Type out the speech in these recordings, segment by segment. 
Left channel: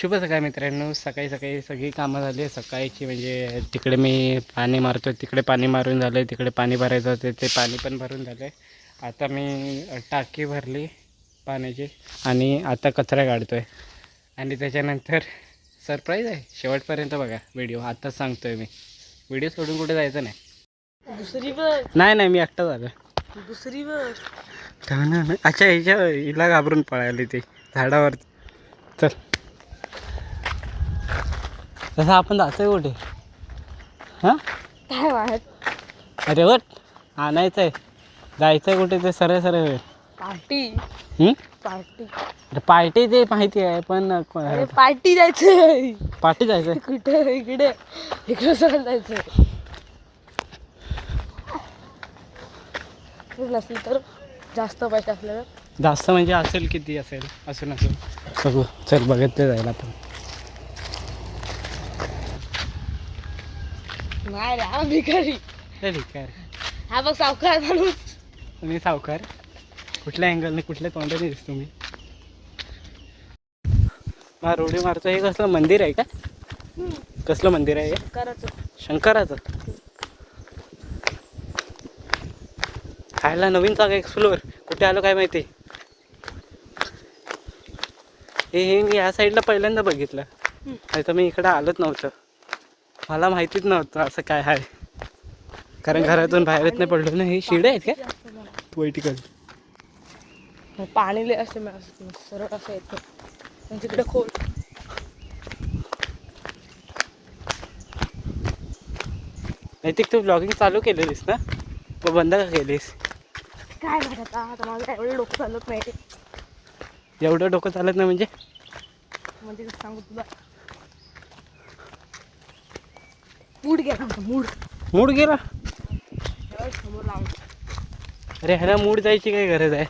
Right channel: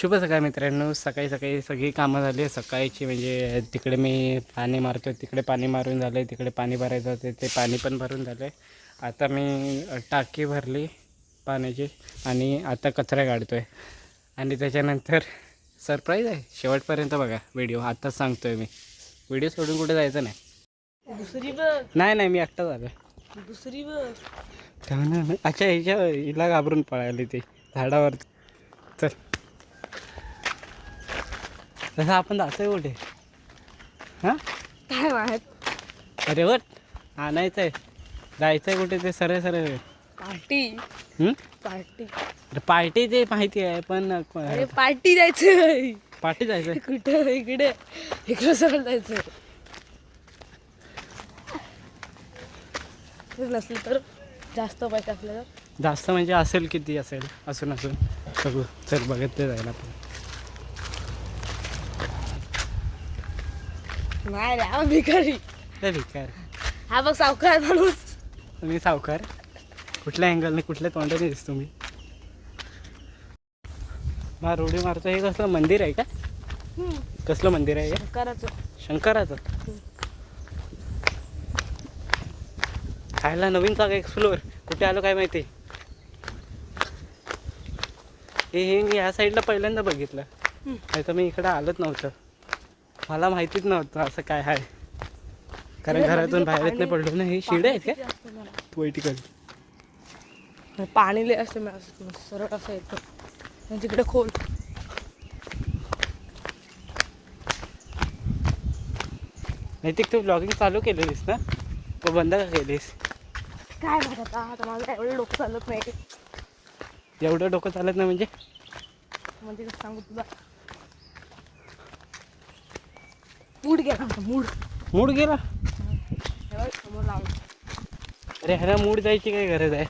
शुभ सकाळ मित्रांनो. सकाळी सकाळी सगळी कामं झाली सकाळची. म्हणजे तिकडे मी पाणी मारतो, तिकडे पाणी मारून झालं, तिकडे पाणी भरायचं होते ते पाणी पण भरून झालं आहे. आता मी टाकी भरली पाण्याची आणि आता कचरा काढतो आहे. आणि त्याच्यानंतर सरप्राईज आहे, शेवटपर्यंत बघा व्हिडिओ. आत्ताच सांगतो आहे मी, व्हिडिओ सोडून कुठे जायचं नाही. दुसरी नाही मी एकटा झालं. दुसरी अच्छा, हिला घाबरून पळाली ती झाडावर. चल तसं आपण जातोय कुठे? हां काय वाहत अरे वट आणायचं आहे, जायचं आहे कुठे ते सरळ सरळ. पार्टी पार्टी अरे पार्टी ते माहिती आहे पण अरे पार्टी जायचं. पार्टी जायचं आहे कुठं? इकडे सरळ जायचं. नसली तर जास्त पैसे आपल्याला. जास्त म्हणजे असेल किती असेल, असून बघू. चल बघत ते जायला आपण. नाही भिकारी. भिकार? हा बघ सावकार माणूस. तुम्ही सावकार? कुठल्या अँगलने कुठल्या तोंडाने दिसतो मी? ना रोडी मारतो. हे कसलं मंदिर आहे का? कसलं मंदिर आहे हे? शंकराचं. खायला नवीन जागा एक्सप्लोअर. कुठे आलो काय माहिती. हे ह्या साईडला पहिल्यांदा बघितलं, नाही तर मी इकडं आलोच नव्हतं. मला माहितीच नव्हतं असं काय आहे, कारण घरातून बाहेरच नाही पडलो ना. हे शिडे आहेत का पोयटिकल? पाणी असते सरळ असं येतं तिकडे खोल. नैतिक तू ब्लॉगिंग चालू केलेलीस ना, तो बंद का केलीस? काय म्हणत आता माझं एवढं डोकं चालत नाही. एवढं डोकं चालत नाही म्हणजे कसं सांगू तुला? मूड गेला आमचा. मूड गेला? समोर लावून. अरे ह्याला मूड जायची काय गरज आहे?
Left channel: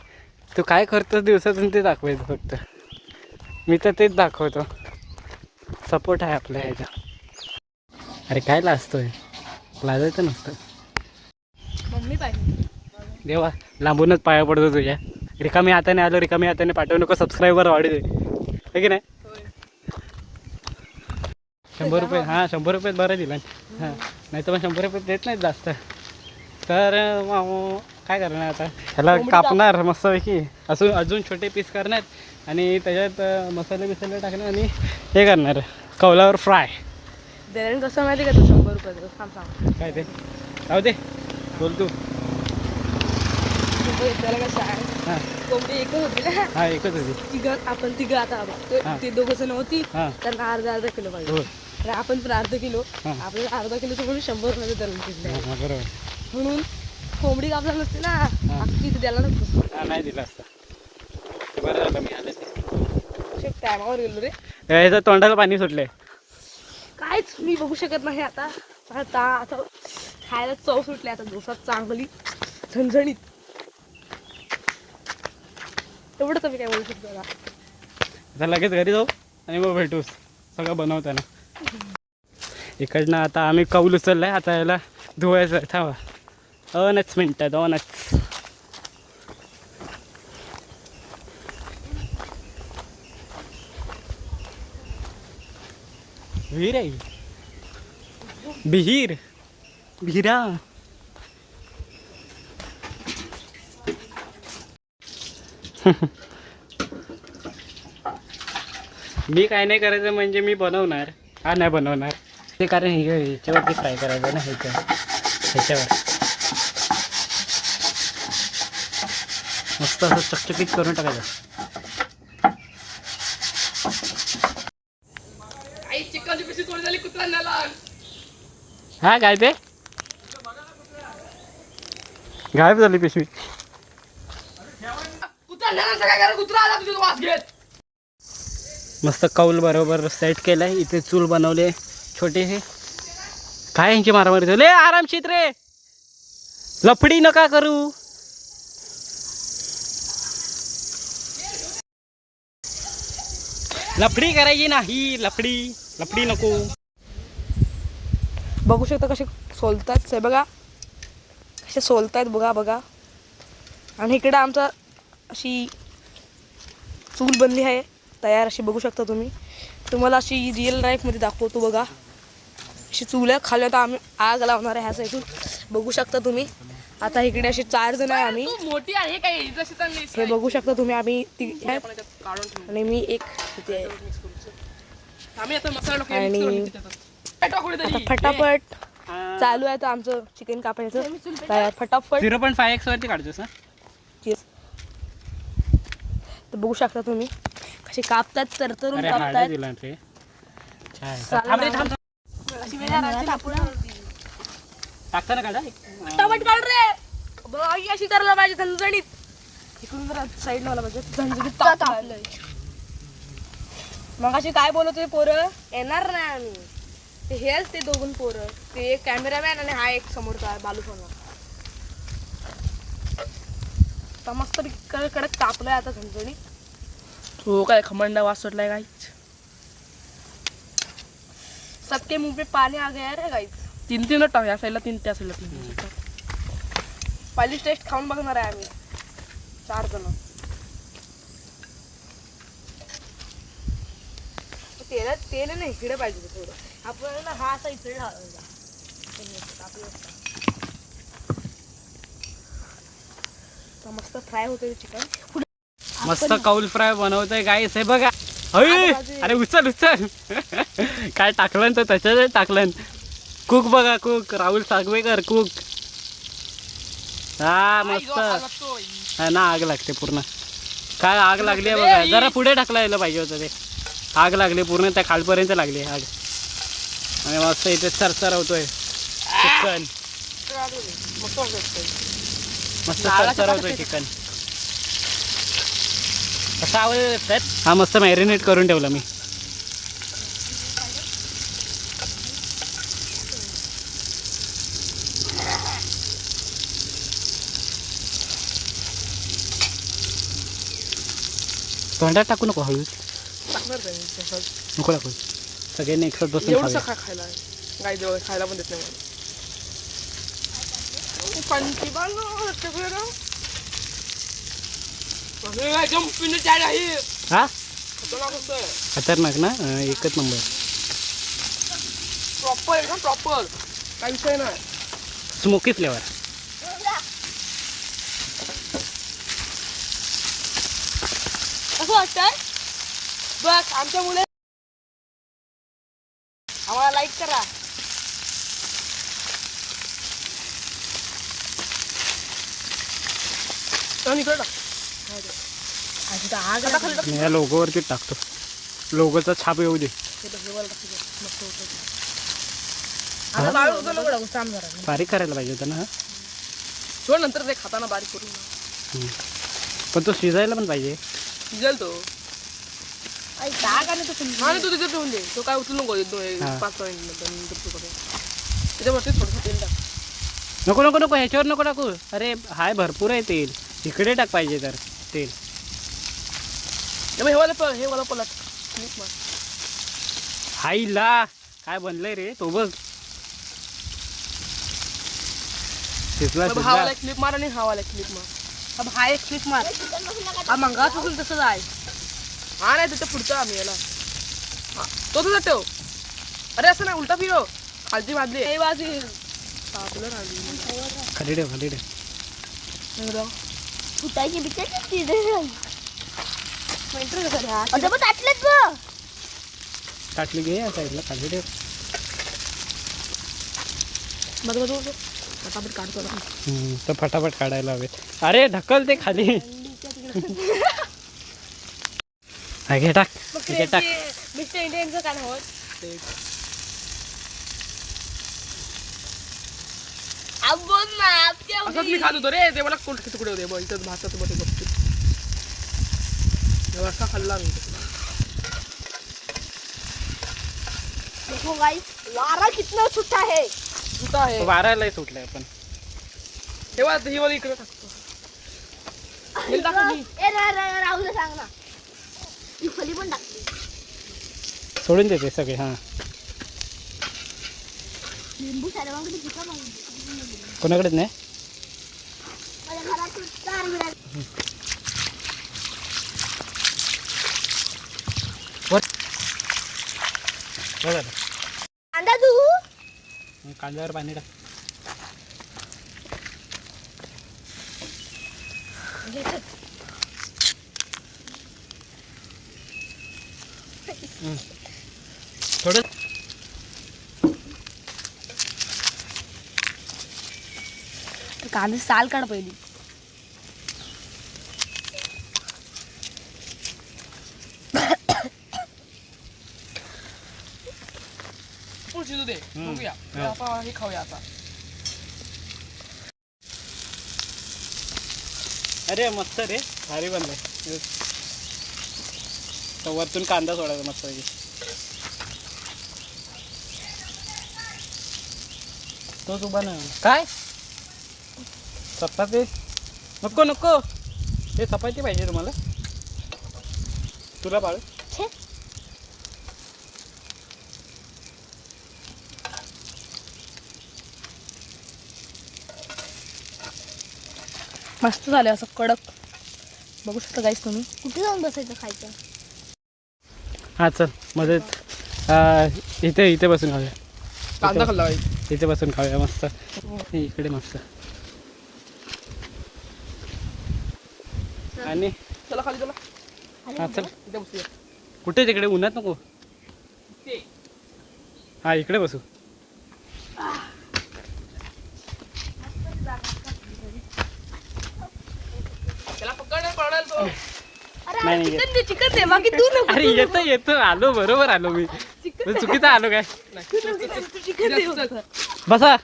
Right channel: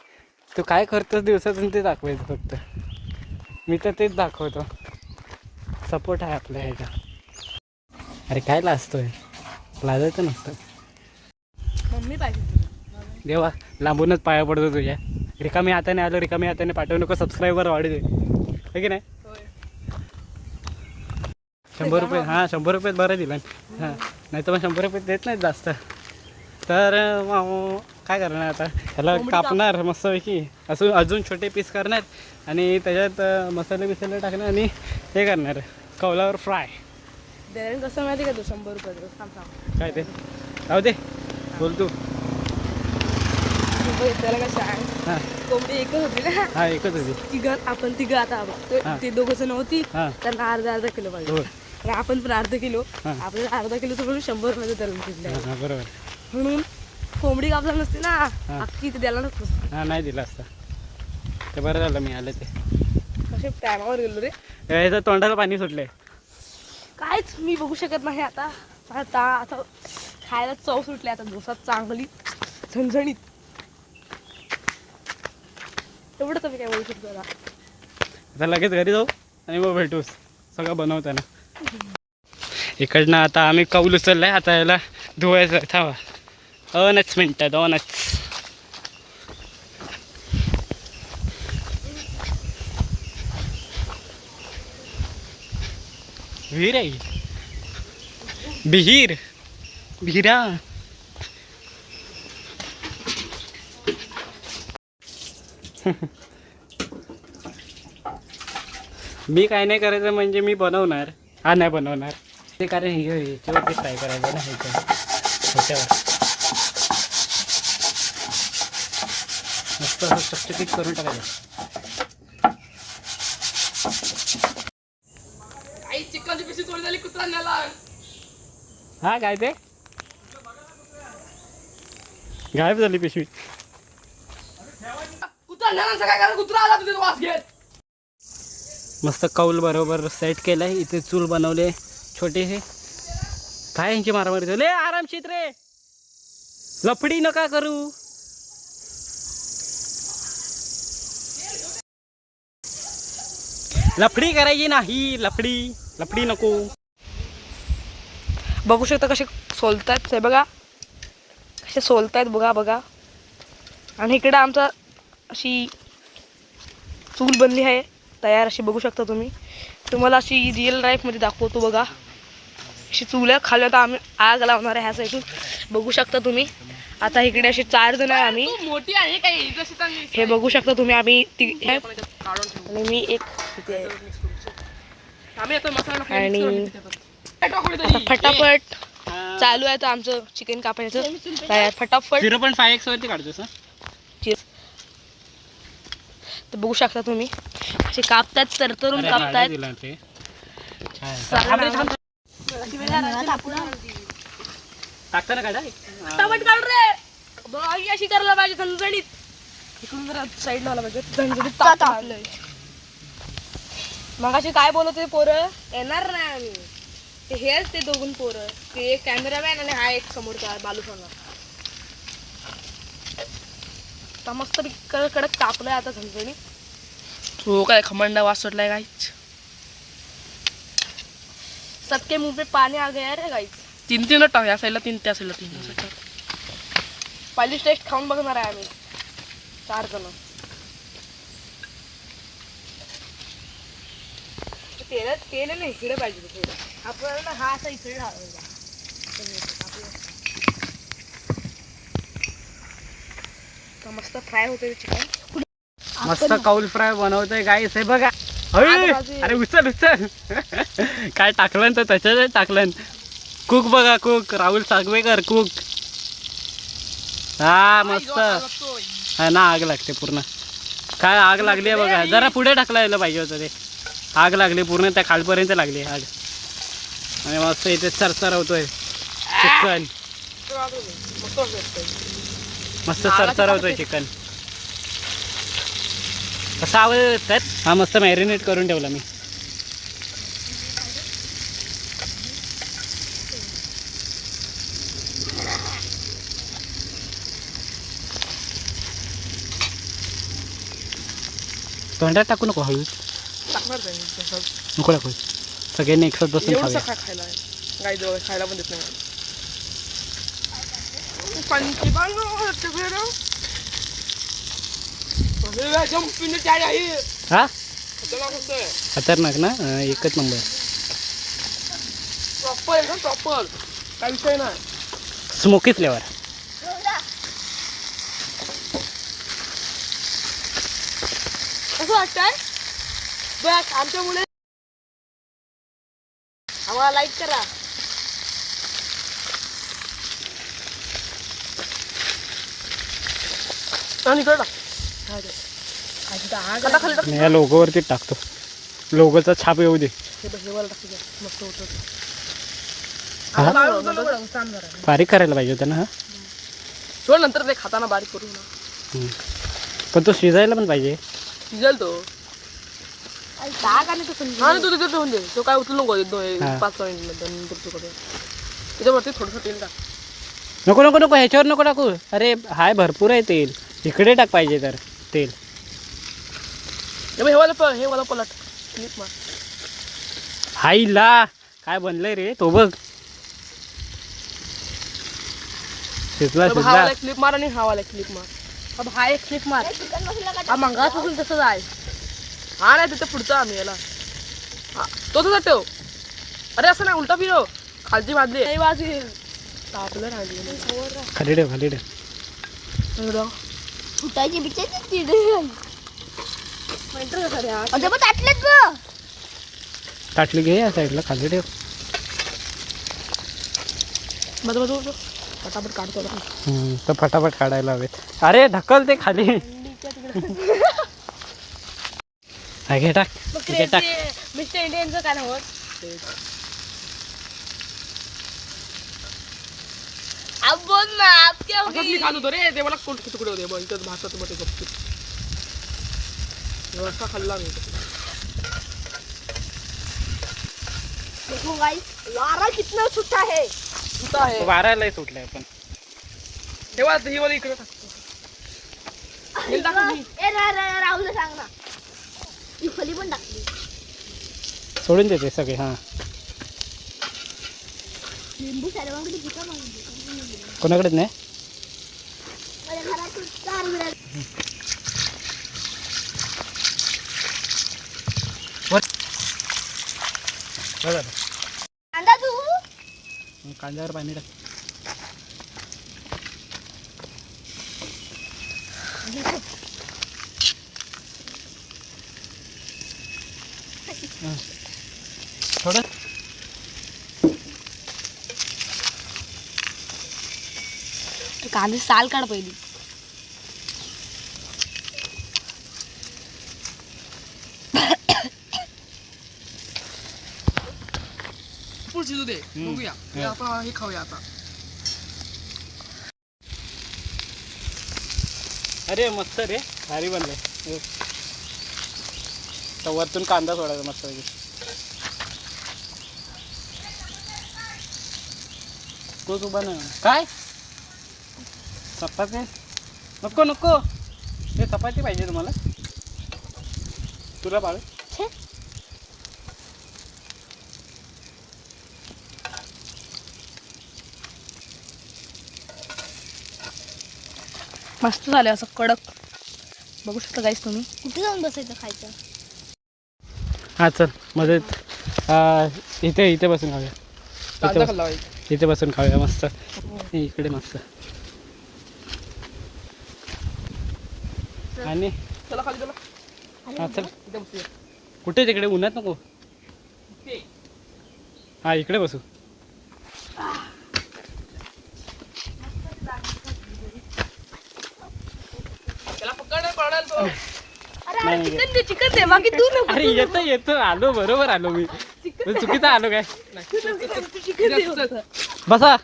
तू काय करतोस दिवसातून ते दाखवायचं फक्त. मी तर तेच दाखवतो. सपोर्ट आहे आपल्या ह्याचा. अरे काय लाजतोय? लाजायचं नसतं. मम्मी पाहिजे देवा, लांबूनच पाया पडतो तुझ्या. रिकामी हाताने आलो, रिकामी हाताने पाठवू नको. सबस्क्रायबर वाढू दे, है की नाही? 100 रुपये. हां 100 रुपये बरं दिला. हां नाही तर मग 100 रुपये देत नाहीत जास्त. तर काय करणार आता, ह्याला कापणार मस्तपैकी. अजून छोटे पीस करणार आणि त्याच्यात मसाले बिसाले टाकणार आणि हे करणार कौलावर फ्राय. देणं कसं माहिती का? तो 100 रुपये सांग. काय ते राहू दे, बोल तू. त्याला कसं आहे, हां कोणती एकच होती ना? हां एकच होती. आपण तिघं आता ते दोघं नव्हती. हां त्यांना अर्धा किलो पाहिजे. हो. आणि आपण पण अर्धा किलो. आपल्याला अर्धा किलोचं म्हणून 100 मध्ये धरून घेतलं. हां बरोबर. म्हणून कोंबडी कापला नसते ना, किती द्यायला नसतो. हां नाही दिला असता ते. बरं झालं मी आले ते. टायमावर गेलो रे. याचं तोंडाला पाणी सुटले. कायच मी बघू शकत नाही आता. आता खायला चव सुटली आता दिवसात चांगली झणझणीत. एवढं तर मी काय बोलू शकतो. आता लगेच घरी जाऊ आणि मग भेटूस सगळं बनवताना. इकडनं आता आम्ही कौल उचललं आहे. आता याला धुवायचं. थांबा 2 मिनटं 2. विहीर आहे, विहिरा. मी काय नाही करायचं म्हणजे मी बनवणार. हा नाही बनवणार ते, कारण ह्याच्यावरती फ्राय करायचं ना. ह्याच्यावर मस्त असं चकचकीत करून टाकायचं. चिकनची पिशवी थोडी झाली कुत्रा नेला. हा काय ते गायब झाली पिशवी. कुत्रा नेला काय करा? कुत्रा आला तुझ्या वास घेत. मस्त कौल बरोबर सेट केलाय. इथे चूल बनवले छोटे. हे काय यांची मारामारी झाली. आरामशीत रे, लफडी नका करू. लफडी करायची नाही, लफडी नको. बघू शकता कसे सोलतात. हे बघा कसे सोलतायत. बघा. आणि इकडं आमचा अशी चूल बनली आहे तयार, अशी बघू शकता तुम्ही. तुम्हाला अशी रिअल लाईफमध्ये दाखवतो बघा. अशी चुल्या खाली आता आम्ही आग लावणार आहे ह्या साईडून बघू शकता तुम्ही. आता इकडे असे 4 जण आहे आम्ही. मोठी आहे काही हे बघू शकता तुम्ही. आम्ही आणि मी एक इथे आहे. आम्ही आता मसाला आणि आता फटाफट चालू आहे तर आमचं चिकन कापायचं तयार. फटाफट 0.5x वरती काढतोस ना. तर बघू शकता तुम्ही असे कापतात तरतरून अरे कापतात. भाडं दिलं ते. छान. टाकताना काढा. फटाफट काढ रे. बघ ही अशी करायला पाहिजे झणझणीत. इकडून जरा साईड लावला पाहिजे झणझणीत तापलंय. मग अशी काय बोलत होते पोरं येणार नाही आम्ही. ते हेच ते दोघं पोरं. ते एक कॅमेरामॅन आणि हा एक समोरचा बालू सोना. आता मस्त कडक तापलंय आता झणझणीत. हो काय खमंडा वास सुटलाय गाईच. सबके मुंह पे पानी आ गया रे गाईच. 3 टाक या साईडला 3 त्या साईडला 3 असं टाक. पहिली टेस्ट खाऊन बघणार आहे आम्ही 4 जण. तेल ना इकडे पाहिजे थोडं. आपल्याला ना हा असा इकडे लावायचा. मस्त फ्राय होते चिकन. मस्त कौल फ्राय बनवतोय गाईस. हे बघा. अरे उचल. काय टाकलं तर त्याच्यात टाकलं. कुक बघा कुक. राहुल सागवेकर कुक. हा मस्त. हा ना आग लागते पूर्ण. काय आग लागली आहे बघा. जरा पुढे टाकला पाहिजे होतं ते. आग लागली पूर्ण त्या खालपर्यंत लागली आग. आणि मस्त इथे सरसरवतोय चिकन. मस्त सरसरवतोय चिकन. कसा आवाज येतात. हा मस्त मॅरिनेट करून ठेवला मी. तोंडात टाकू नको. हळू टाकणार नाही नको टाकू. सगळ्यांनी एकसाथ बसून एवढं खाऊया. काय खायला आहे. गाई जवळ खायला पण देत नाही मला. पंची हा खतरनाक ना. एकच नंबर. प्रॉपर आहे ना प्रॉपर. काय विषय नाही. Smoky flavour. असं वाटतंय बघ आमच्या मुले. आम्हाला लाईक करा. आणि इकडे टाक. मी या लोगोवरती टाकतो. लोगोचा छाप येऊ दे. हा? बारीक करायला पाहिजे होतं ना. हा सोड नंतर ते खाताना बारीक करू ना. पण तो शिजायला पण पाहिजे. शिजेल तो. आणि तू तिथे ठेवून दे. तो काय उचलू नको 5 मिनिट नंतर तू करू. त्याच्यावरती थोडंसं तेल टाक. नको नको नको ह्याच्यावर नको टाकू. अरे हाय भरपूर आहे तेल. इकडे टाक पाहिजे तर तेल. हे वाला पलट क्लिप मार. हाईला काय बनलंय रे तो बघ. शिजला हा शिजला. वाला क्लिप मार आणि हा वाला क्लिप मार. अब हा एक क्लिक मार. हा मंगापासून तसंच आहे. हा नाही तिथे पुढचा आम्ही याला. हा तो तुझा ठेव. अरे असं नाही उलटा फिरव. खालची बाजली काही वाजेल. तापलं राहिली. खाली ठेव खाली ठेव. फुटायची बिचाची चिडे ताटली घे या साईडला. खाली ठेव. बरोबर फटाफट काढतो आता. तर फटाफट काढायला हवेत. अरे ढकल ते खाली. हा घे टाक. घे टाक. मिस्टर इंडियनचं काय नव्हत. अब बोल ना आप क्या असंच मी खात होतो रे. ते मला कोणते तुकडे होते बघ. इथं भातात मध्ये गपची. असा खाल्ला मी. देखो गाइस वारा कितना छुट्टा है. कुठं आहे वारायला सुटलाय पण. तेव्हा ही वाली इकडे टाकतो. ए राहुल सांग ना. ही खोली पण टाकली. सोडून देते सगळे. हा लिंबू सर्वांकडे दुकान आहे. कोणाकडेच नाही. माझ्या घरात 4 मिळाले. बघा कांदा तू कांद्यावर पाणी टाक. थोडं कांदे साल काढ पहिली. फुल शिजू दे बघूया आता हे खाऊया आता. अरे मस्त रे भारी बनलंय. तर वरतून कांदा सोडायचा मस्त पैकी. तोच उभा नाही काय चपाती नको नको हे चपाती पाहिजे तुम्हाला तुला बाळ. मस्त झाले असं कडक. बघू शकता गाईस तुम्ही. कुठे जाऊन बसायचं खायचं. हां चल मदत इथे इथे बसून खाऊया. कांदा खाल्ला पाहिजे. इथे बसून खाऊया मस्त. इकडे मस्त. आणि चला खाली चला हां चल इथे बसूया. कुठे तिकडे उन्हात नको. हां इकडे बसू. त्याला पकड पडेल तो. नाही नाही चिकन दे चिकन दे बाकी तू नको. अरे येतं येतं आलो बरोबर आलो मी. चुकीचा आलो काय. बसा.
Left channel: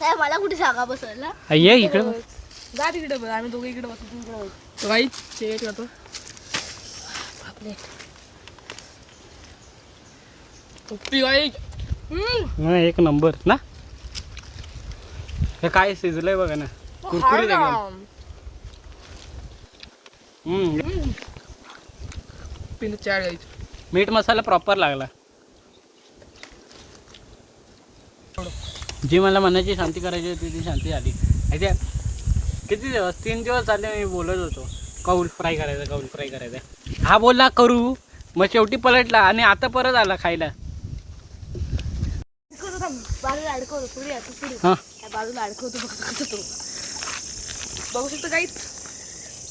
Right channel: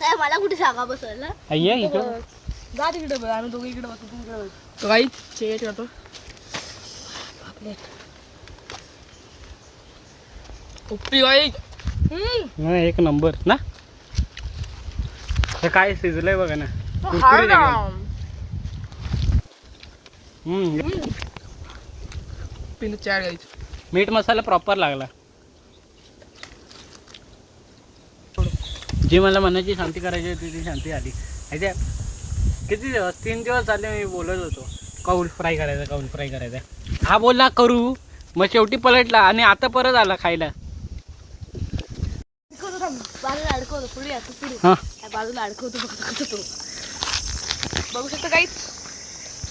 काय मला कुठे जागा बसवायला. ये इकडे. जा तिकडे बघ आम्ही दोघे इकडे बसू तू इकडे बस. राईट ते करतो. उप्पी वाईट. हा, एक नंबर ना. हे काय शिजलंय बघा ना कुरकुरीत एकदम. पिन चार गाईच. मीठ मसाला प्रॉपर लागला. जी मला मनाची शांती करायची होती ती शांती झाली. माहिती किती दिवस 3 दिवस झाले मी बोलत होतो काऊल फ्राय करायचा काऊल फ्राय करायचा. हा बोलला करू मग शेवटी पलटला आणि आता परत आला खायला. बाजूला अडकवतो पुढे आता पुढे हां बाजूला अडकवतो बघ कसं तो. बघू शकता गाईस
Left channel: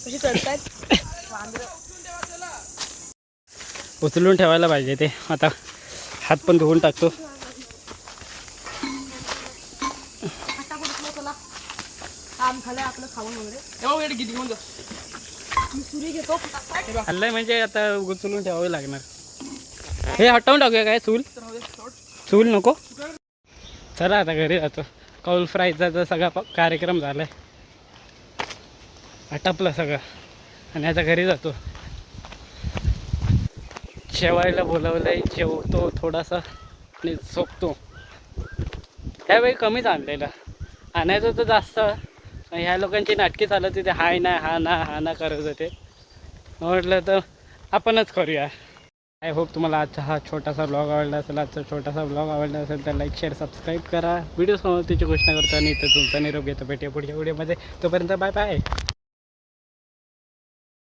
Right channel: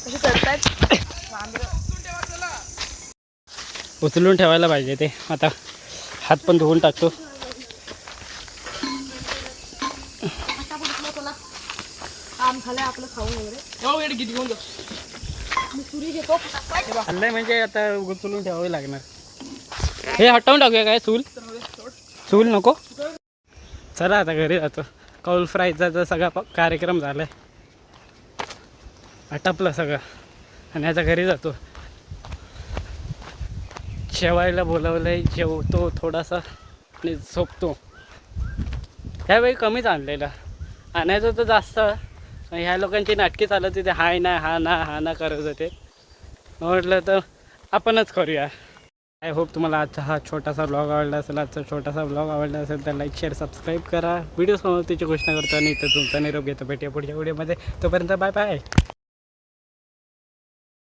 कसे चढतायत. उचलून ठेवायला पाहिजे ते. आता हात पण धुवून टाकतो. काम झालंय आपलं खावं वगैरे. एवढं वेळ किती घेऊन जा. खाल्लंय म्हणजे आता उचलून ठेवावे लागणार. हे हटवून टाकूया काय चूल. चूल नको. चला आता घरी जातो. कौल फ्रायचा तर सगळा कार्यक्रम झाला आहे. आटपलं सगळं आणि आता घरी जातो. जेवायला बोलावलं आहे जेवतो थोडासा आणि झोपतो. त्यावेळी कमीच आणलेला आणायचं तर जास्त. ह्या लोकांची नाटकी चालत होती हाय ना हा ना हा ना करत होते. म्हटलं तर आपणच करूया. आय होप तुम्हाला आजचा हा छोटासा ब्लॉग आवडला असेल. आजचा छोटासा ब्लॉग आवडला असेल तर लाईक शेअर सबस्क्राईब करा. व्हिडिओ समाप्तीची घोषणा करतो आणि इथं तुमचा निरोप घेतो. भेटूया पुढच्या व्हिडिओमध्ये. तोपर्यंत बाय बाय.